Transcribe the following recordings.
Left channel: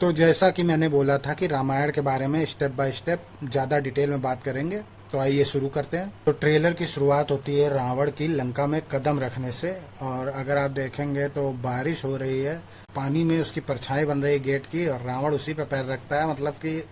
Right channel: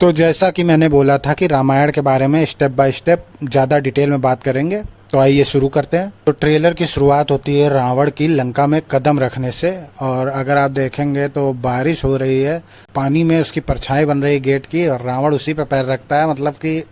तो जैसा कि मैंने बोला था कि रामायण के बारे में स्टेप बाय स्टेप ज़्यादा डिटेल में बात करेंगे, तो आइए शुरू करते हैं। तो ट्रेलर की शुरुआत होती है रावण की लंका में कदम रखने से, और अगर आप देखेंगे तो बारिश हो रही है, पानी में उसकी परछाई बन रही है गेट की, और रावण उसी पे पैर रखता है। मतलब कि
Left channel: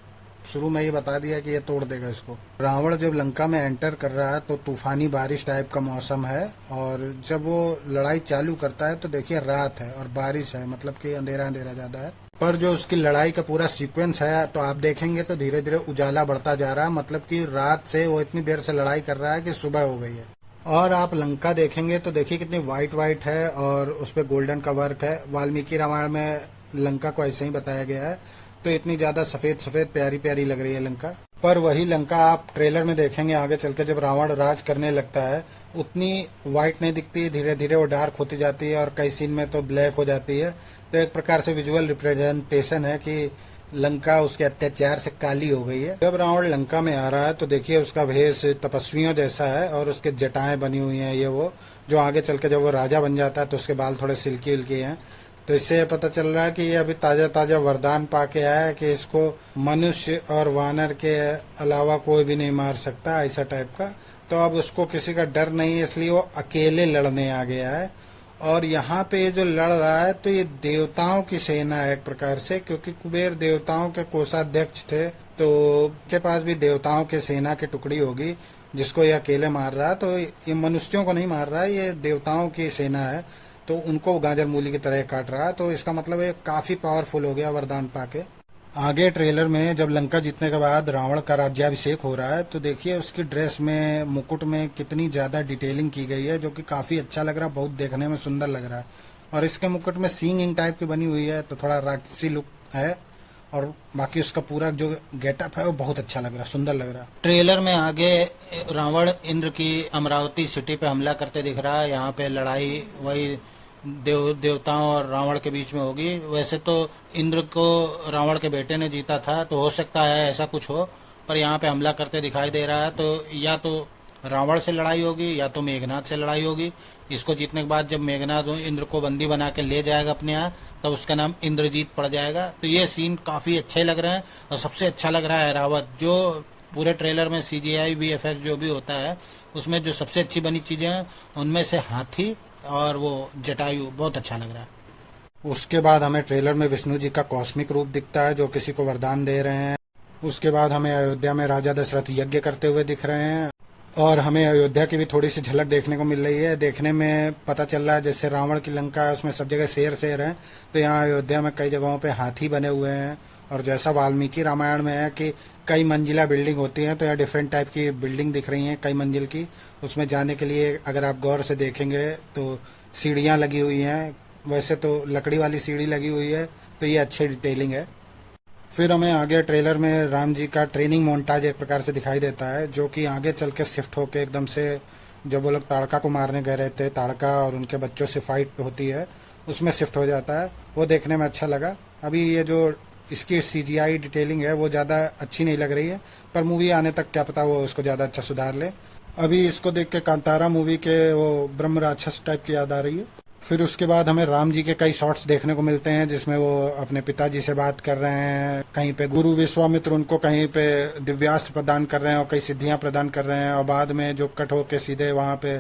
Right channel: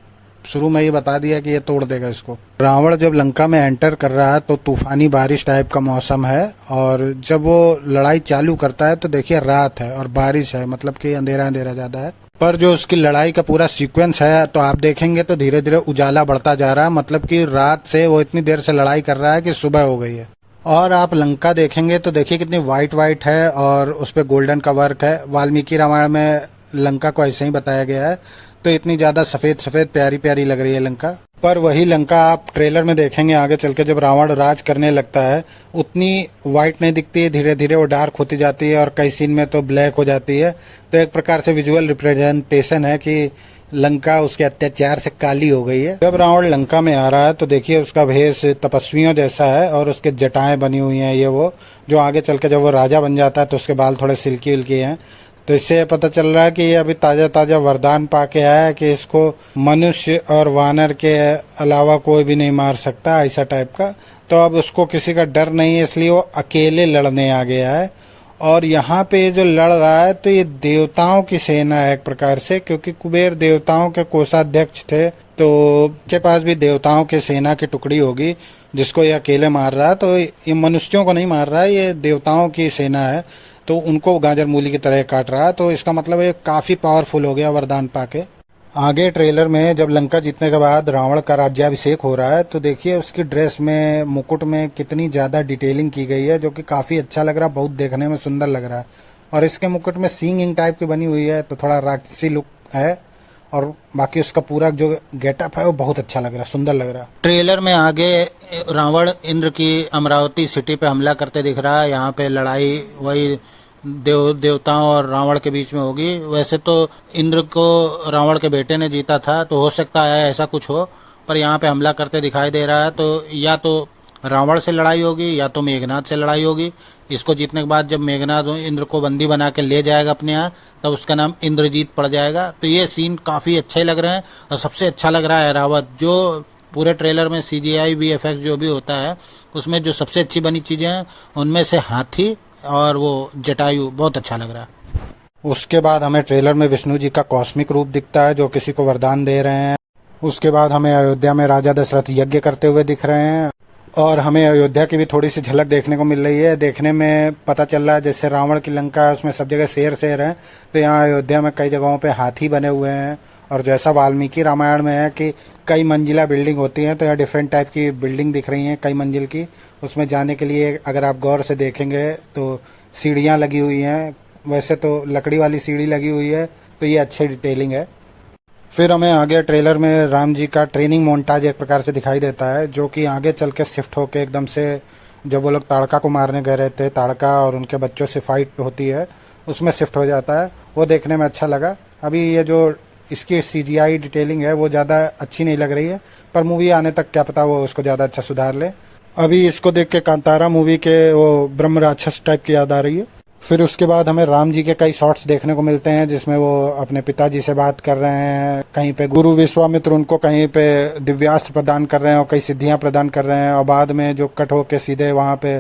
शुरू में ये बता दिया कि ये तोड़ देगा इसको। रावण जब लंका में एंटर कर रहा है तो तूफानी बारिश टाइप का मौसम है, और जब वो लड़ाई चालू करता है तो देखिए रात है और बारिश है, मतलब कि अंधेरा अंधेरा ज़्यादा है। पर जो उसकी लड़ाई का पूरा सीक्वेंस है तो आप देखेंगे तो धीरे धीरे उजाला बढ़ता जा रहा है, मतलब कि रात से वो इतनी देर से लड़ाई कर रहा है कि सुबह हो गई है। और आप लंका देखेंगे तो देखिए कितनी वाइट वाइट है और उस पर गोल्डन का वर्क है। वाल्मीकि रामायण में लंका को ऐसे ही बताया गया है, तो इतनी ज़्यादा सफ़ेद सफ़ेद प्यारी प्यारी लग रही है लंका। पर वही लंका आप ट्रेलर में देखेंगे आगे चल के, जब रावण राज करने लगता है उतनी वाइट नहीं दिखती है, धीरे धीरे वो डार्क होती जाती है और कई सीन में तो ब्लैक हो जाती है। तो एक प्रकार से विजुअल रिप्रेजेंटेशन है कि लंका उसके अत्याचार से काली हो गई है। जब रावण लंका में आ रहा है तो देखिए उसका भेष तपस्वियों जैसा है और उसके जटाएं बनी हुई हैं। ये वो जो आगे चल के जब वो राजा बन जाता है तो उसके बाल थोड़े सिल्की उल्की हैं। तो इससे ये पता चल रहा है कि ये अभी ताज़ा ताज़ा वरदान पाके आया है कि इसको मनुष्य और वानर के अलावा कोई भी नहीं मार सकता, ऐसा टाइप का। तो अब उसको किसी का डर नहीं है, इसलिए वो अकेले लड़ने आ गया है। और यहाँ पे ये जो लड़ रहा है तो ये देवताओं की सेना है एक प्रकार से, क्योंकि कुबेर देवताओं के कोषाध्यक्ष थे, तो के पास भी देवताओं की सेना की टुकड़ी होगी जिसको ये अकेले मार रहा है। तो ये मनुष्यों को नहीं मार रहा है, ये देवताओं की सेना है, तो उनको गाजर मूली की तरह काट रहा है। तो इसका मतलब ये काफ़ी पावरफुल हो गया वरदान पाके। आगे ट्रेलर में जब लंका जीतने के बाद रावण का राज्याभिषेक हो रहा है तो देखिए उसकी ड्रेस में, मुकुट में कितनी ज़्यादा डिटेलिंग की गई है, जो कि काफ़ी अच्छा लग रहा है, बहुत देखने में सुंदर लग रहा है। और इसके मुकुट में सींग इंग टाइप की बनी हुई है, तो थोड़ा राक्षसी लुक है। और बाकी उसका पूरा जो गेटअप है वो बहुत अच्छा लग रहा है, सुंदर लग रहा है। ट्रेलर में आगे रावण इंद्र की अमरावती सिटी पे हमला करते दिख रहा है। यहाँ पे लड़ाई वही देवताओं और रावण के बीच में होगी। वैसे तो इंद्र को रावण के बेटे ने जीता था, तो हो सकता है ऐसा कुछ हो, पर यहाँ पे हमला करते दिखाई दे रहा है। तो या तो रावण से लड़ाई होगी या तो मेघनाथ से लड़ाई होगी। इसको जीतने के बाद जब मेघनाथ इंद्र को बंदी बना के ले जाएगा अपने यहाँ, तब उसका नाम इंद्रजीत पड़ जाएगा। तो ये सीन काफ़ी अच्छे लग रहे हैं, और सबसे अच्छा लग रहा है रावत। जो पूरे ट्रेलर में CGI VFX जो भी होता है उसमें जो सबसे अच्छी बनी चीज़ें हैं उनमें से हाथी और वो जटायु बहुत अच्छा लग रहा है। उसके बाद हमें ट्रेलर में विष्णु जी का कॉस्मिक रूप दिखता है जो किसी को वरदान दे रहे हैं। उसके बाद हमें अयोध्या में राजा दशरथ यज्ञ करते हुए दिख रहे हैं, और हमें अयोध्या की भी थोड़ी सी झलक देखने को मिल रही है। देखने में पता चल रहा है जैसे रावण की लंका है उसमें सब जगह शेर शेर है, तो यहाँ अयोध्या में कई जगहों पे हाथी बने हुए हैं। और जैसा वाल्मीकि रामायण में है कि कई मंजिला बिल्डिंग होती हैं, तो यहाँ डिफरेंट टाइप की बिल्डिंग दिख रही हैं कई मंजिल की। उसमें जाने के लिए अगर आप गौर से देखेंगे तो सीढ़ियाँ लगी हुई हैं, वैसे तो लकड़ी वाली सीढ़ी लगी हुई है, तो ये अच्छी डिटेलिंग है। फिर हमें आगे ट्रेलर में राम जी का ट्रेनिंग मोन्टाज एक प्रकार से दिखाई देता है, जो कि आगे चल के शिफ्ट होके एकदम से जब वो लोग ताड़का को मारने गए रहे थे, ताड़का और उनके बच्चों से फाइट होती है, उसमें शिफ्ट हो जाता है। वो देखने में अच्छा लगा। अभी ये जो इसकी CGI डिटेलिंग है वो ज़्यादा अच्छी नहीं लग रही है, पर मूवी आने तक क्या पता वो उसको ज़्यादा अच्छा सुधार ले। अभी इसको देख के कांतारा मूवी के वो ब्रह्म राक्षस टाइप की याद आ रही है। फिर उसके बाद हमें राम जी के कई शॉट्स देखने को मिलते हैं जिसमें वो अपने पिताजी से बात कर रहे हैं, कहीं पे गुरु विश्वामित्र उनको कहीं पे दिव्यास्त्र प्रदान कर रहे हैं और कई सिद्धियां प्रदान कर रहे हैं, और बाद में जो कट होके सीधे वहाँ पे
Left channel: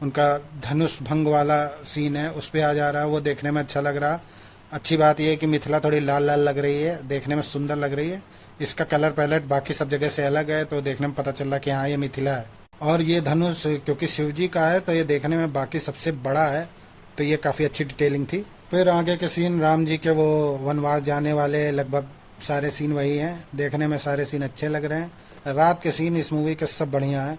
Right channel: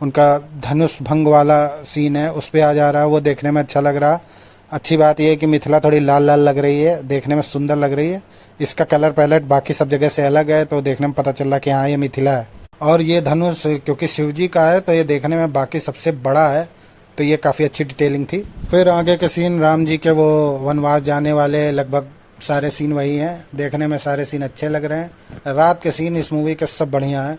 उनका धनुष भंग वाला सीन है उस पर आ जा रहा है, वो देखने में अच्छा लग रहा है। अच्छी बात यह है कि मिथिला थोड़ी लाल लाल लग रही है, देखने में सुंदर लग रही है। इसका कलर पैलेट बाकी सब जगह से अलग है, तो देखने में पता चल रहा कि हाँ ये मिथिला है। और ये धनुष क्योंकि शिव जी का है तो ये देखने में बाकी सबसे बड़ा है, तो ये काफ़ी अच्छी डिटेलिंग थी। फिर आगे के सीन राम जी के वो वनवास जाने वाले लगभग सारे सीन वही हैं, देखने में सारे सीन अच्छे लग रहे हैं। रात के सीन इस मूवी के सब बढ़िया हैं।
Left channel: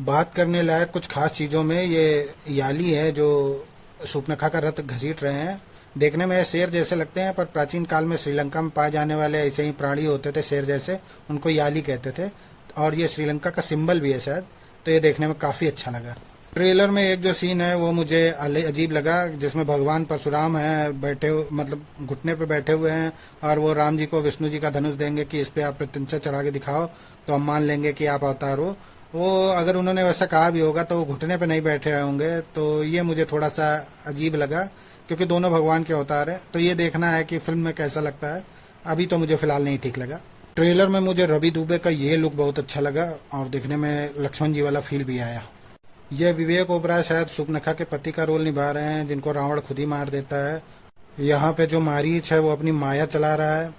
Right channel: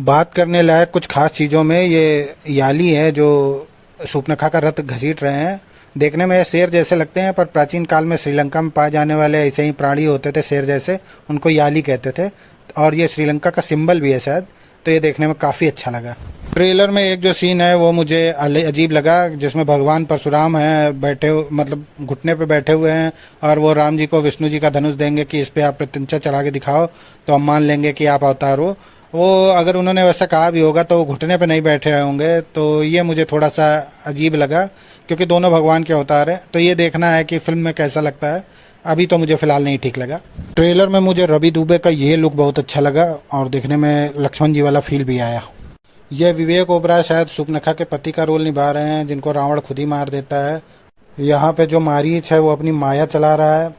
बात करने लायक कुछ खास चीज़ों में ये याली है जो शूर्पणखा का रथ घसीट रहे हैं। देखने में शेर जैसे लगते हैं, पर प्राचीन काल में श्रीलंका में पाए जाने वाले ऐसे ही प्राणी होते थे शेर जैसे, उनको याली कहते थे, और ये श्रीलंका का सिंबल भी है शायद। तो ये देखने में काफ़ी अच्छा लगा। ट्रेलर में एक जो सीन है वो मुझे अजीब लगा, जिसमें भगवान परशुराम हैं बैठे, मतलब घुटने पे बैठे हुए हैं, और वो राम जी को विष्णु जी का धनुष देंगे कि इस पे आप प्रत्यंचा चढ़ा के दिखाओ तो हम मान लेंगे कि आप अवतार हो। वो अगर उन्होंने वैसा कहा भी होगा तो वो घुटने पे नहीं बैठे रहे होंगे, तो ये मुझे थोड़ा सा अजीब लगा, क्योंकि दोनों भगवान के अवतार हैं। तो ये देखना है कि फिल्म में कैसा लगता है। अभी तो मुझे फिलहाल नहीं ठीक लगा। ट्रेलर में मुझे रवि दुबे का ये लुक बहुत अच्छा लगा और देखने में लक्ष्मण जी वाला फील भी आया। ये विवेक ओबराय शायद सुपर्णखा के पति का रोल निभा रहे हैं, जिनको रावण खुद ही मार देता है। यहाँ पे जो मारीच है वो अपनी माया चला रहा है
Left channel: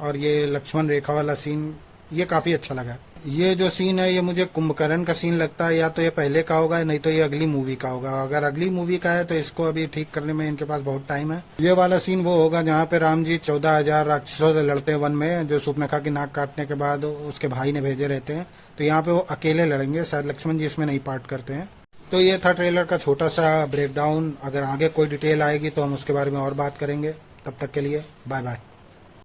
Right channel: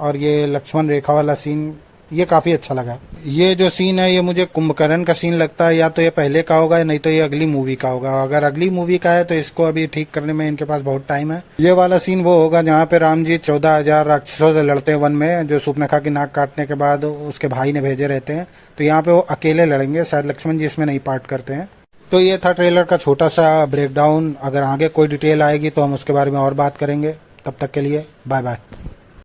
और ये लक्ष्मण रेखा वाला सीन ये काफ़ी अच्छा लगा। ये जो सीन है ये मुझे कुंभकर्ण का सीन लगता है, या तो ये पहले का होगा नहीं तो ये अगली मूवी का होगा। अगर अगली मूवी का है तो इसको अभी ठीक करने में इनके पास बहुत टाइम है। ये वाला सीन वो होगा जहाँ पे राम जी 14,000 राक्षसों से लड़ते हैं वन में, जो सुपर्णखा की नाक काटने के बाद उसके भाई ने भेजे रहते हैं। तो यहाँ पे वो अकेले लड़ेंगे, शायद लक्ष्मण जी इसमें नहीं पार्ट करते हैं। तो ये था ट्रेलर का छोटा सा ब्रेकडाउन। अगर आगे कोई डिटेल आएगी तो हम उसके बारे में और बात करेंगे। तब तक के लिए बाय बाय।